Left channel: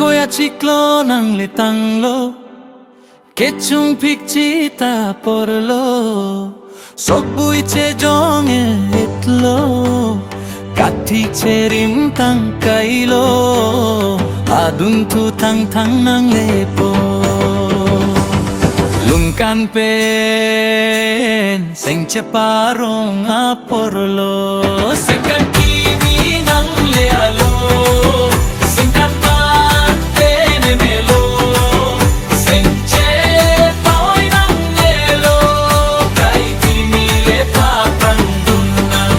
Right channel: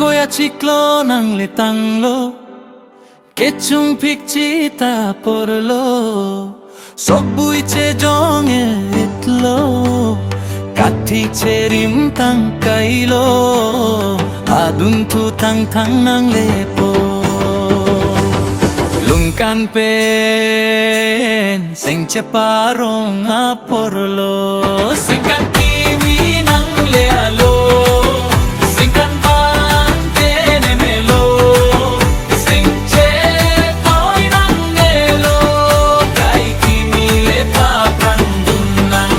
Koya ciklo nang letang lo Kechung pikcita porlo Sogbui che jong etlo Kati cherim tang kailo Adun tu tang tang nang lepo Lungkan pen Seng ceparong aporlo Sengkan kimi nang lealo Sengkan pan tene melo Seng cepoy nang nelo Kai kimi lepa prandunang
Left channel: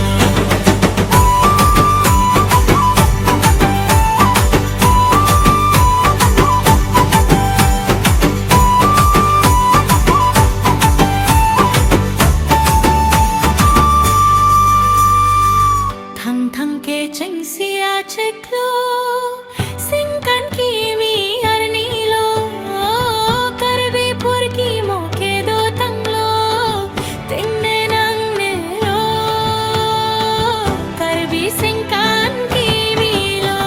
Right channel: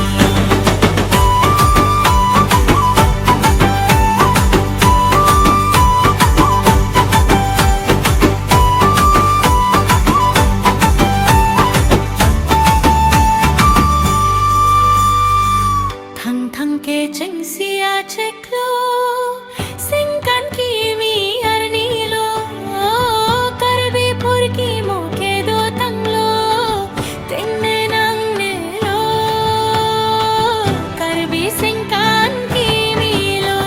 Thang ke cheng sia cheklo Sengkan kimi arnilo Karbi pur ki moke do tanglo Tenne nang nelo Karbi sengkan kimi lo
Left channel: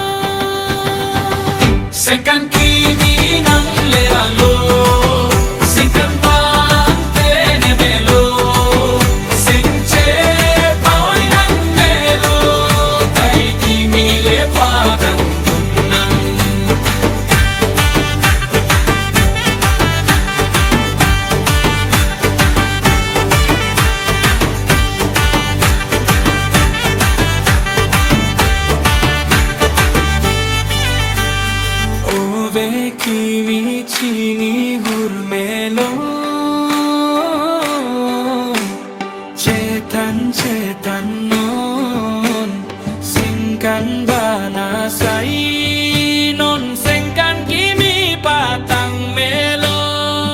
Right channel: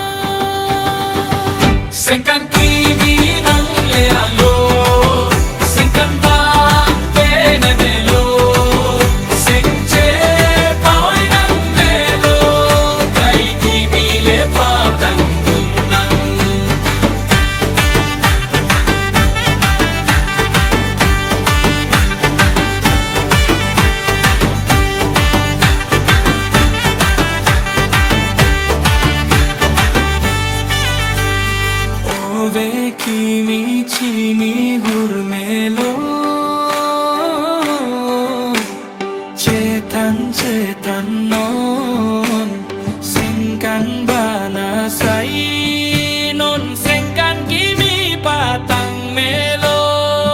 Sengkan kimi nang lealo Sengkan pan tene melo Seng cepoy nang nelo Kai kimi lepa prandunang Ove kimi chini hurmelo Cetan non Sengkan bana sai non Sengkan kimi patang melo